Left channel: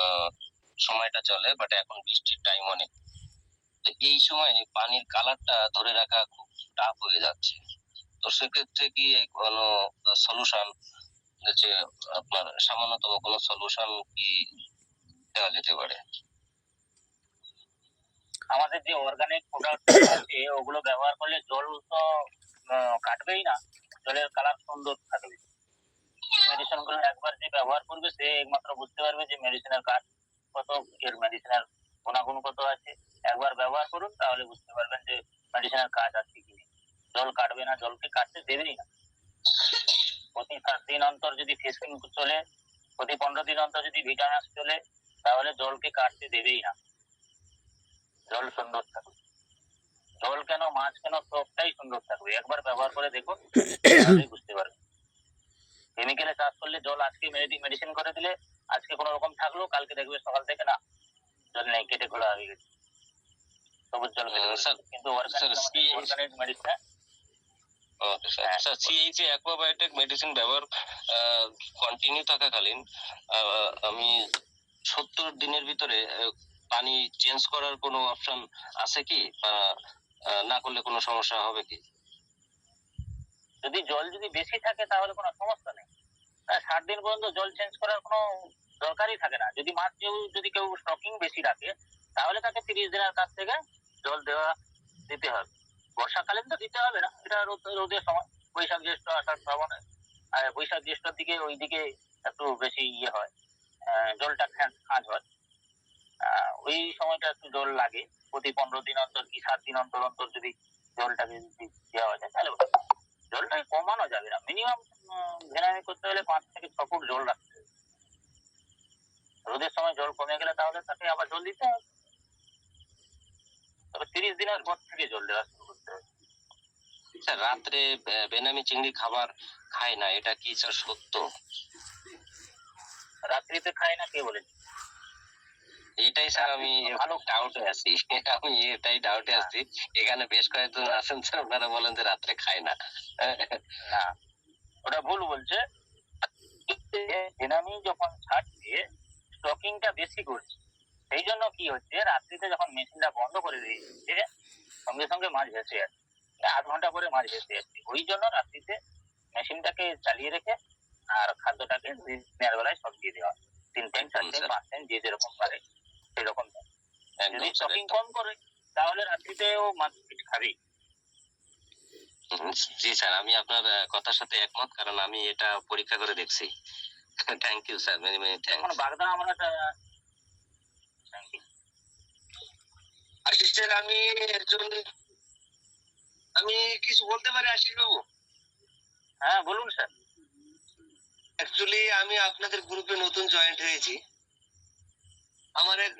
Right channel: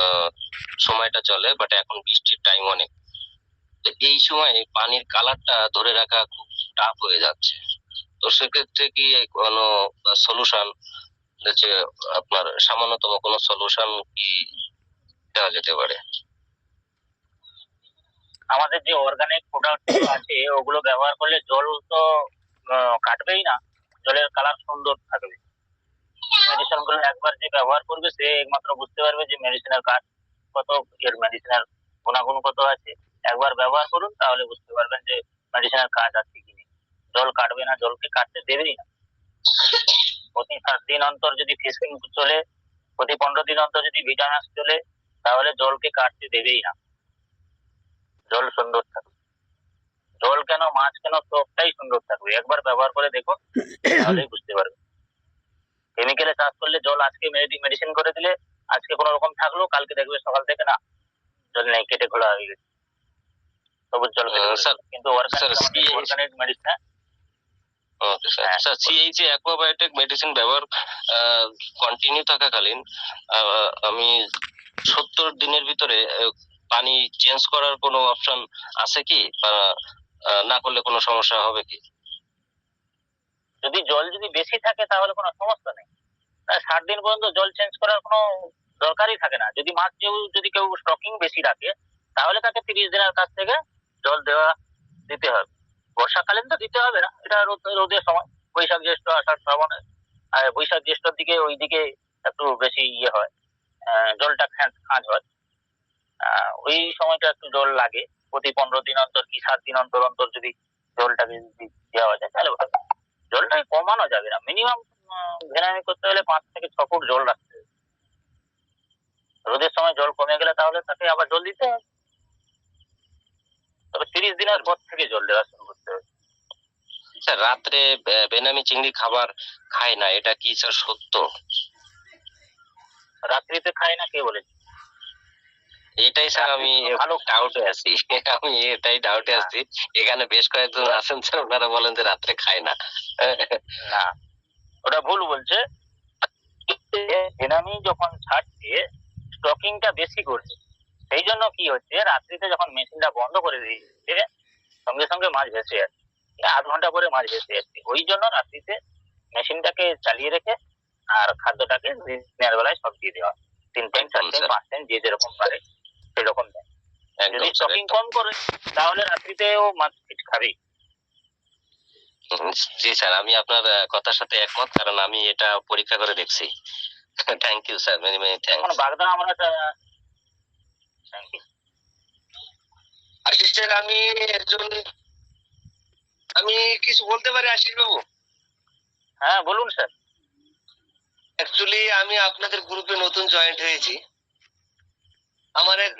আহ, সময়টা চলে, বাট এখন বৃষ্টির টাইম অনেক। তো এই সময় পানির কালারটা ধরে রাখা খুব টাফ হয়ে যাচ্ছে। তো সেক্ষেত্রে কি কোনো সলিউশন, যে আপনার সামান্যতম কোনো সলিউশন কি দেওয়া যেতে পারে? আমাদের যে অর্গানিক প্রোডাক্ট আছে ওগুলো ব্যবহার করলে জল তো কাটবেই না, জলের কালার সুন্দর থাকবে। মেডিসিন গুলো একবার যে ব্যবহার করবে সে একমাত্র বুঝতে পারবে যে মেডিসিনের কাজ কত, এর মেডিসিনের গুণাগুণ কত আছে। একবার ব্যবহার করুন, তাহলে বুঝতে পারবেন যে মেডিসিনের কাজ আছে কি নেই। জল কাটবে না, জলকে কাটতে দেবেই না। প্রতি 7 দিন অন্তর যদি ফিশিং চলে, প্রতি 15 দিন অন্তর যদি ভিটামিন চলে, তাহলে জলকে কাটতে দেবেই না। জল সুন্দর থাকবে, জল কেন মাছ কেন সবটাই সুন্দর থাকবে। একবার ব্যবহার করে দেখুন, তাহলেই বুঝতে পারবে। কেমিক্যালে চাষ করলে জল আজকে মেডিসিন করে দিলে আজকে কোনো রকম থাকলো, কালকে দেখবে সকাল থেকে না, জল নেই, কেটে খোলা হয়ে গেছে, সবুজ জল কেটে ফেলেছে। স্যার, কিন্তু organic medicine. Okay sir. Sir, CHA aquabiotic medicine ব্যবহার কন্টিনিউ থাকাকালীন আমি 70 দিনের ভিতরে পানি চেঞ্জ করার কোনো অপশন আছে কি, বা না করলে কোনো সমস্যা হবে কি? যদি জল যদি বেশি থাকে তাহলে কোনো সমস্যা নেই। 60 দিন পর্যন্ত জল চেঞ্জ করার কোনো দরকারই থাকে না। যদি মাছ যদি কেউ স্টকিং বেশি রাখে, তাহলে তাকে 30 দিনের কাছ থেকে জল দিতে হবে। বর্ষাকালীন তো দিতে হবে না, এটা রোদের সময়, বৈশাখ জ্যৈষ্ঠ আষাঢ় শ্রাবণ। আর বৈশাখ জ্যৈষ্ঠর দিকে ওইদিকে একটু বেশি হয়, জলটা খাঁজ হয়। ওই সময়টা একটু জল লাগে। প্রতি 15 দিন অন্তর কি 7 দিন অন্তর অন্তর যদি জলটাকে যদি দেওয়া যায়, তাহলে ওটা জলটাকে কমানো যাবে না। মিনিমাম ভেনামি করতে হলে 5 থেকে 6 ফুট জল রাখতে হবে। রোদের সময় জল কমে গেলে তাহলে তাকে আবার জল দিতে হবে। তবে 30 দিনের পর থেকে জল দেওয়া শুরু করতে হবে। স্যার, রাত্রে বেনামি চিংড়ি খাবার খায় না, এটা কি স্যার সত্য? রাত্রিতে খায় না কে বলেছে? এটাই স্যার আমি ভালো ডাউটে আছি। আমি এটাই ডাউটে আছি। এখানে বেশ কয়েকজন আছেন স্যার, ওনারা বলেন যে রাত্রে খায় না। না, ওটা ভুল বলছে। বেনামি যখন ছাড়ছে, স্টকিংটা বেশি করছে, সেই জন্য কি হচ্ছে, রাত্রিতে যখন মেশিনটা বন্ধ করে দিচ্ছে, সঙ্গে সঙ্গে মাছ ভেসে যাচ্ছে, 8 ঘন্টা পরে মাছ ভেসে যাচ্ছে। ওই জন্য রাত্রিতে মেশিনটাকে চালিয়ে রেখে আর খাদ্যটাকে দিনের বেলায় সব দিয়ে দেওয়া। 3 টাইম 4 টাইম 5 টাইম যে যেরকম পারে সেরকম দেয়। যদি স্টকিং কম করে তাহলে রাত্রিতেও মাছ খাবেই। জি স্যার, আমি আপনার কথার সাথে একমত, কারণ আমি এটা পরীক্ষা করে দেখছি। Thank you sir, many many thanks. এখন বাগদা আমরা থ্যাংক ইউ। আশিস স্যার, আমি কিছু বলতে পারি আশিস বাবু? হ্যাঁ বলুন স্যার। অ্যাকচুয়ালি আমি আপনাদের গ্রুপে নতুন জয়েন্ট হয়েছি। আমার এক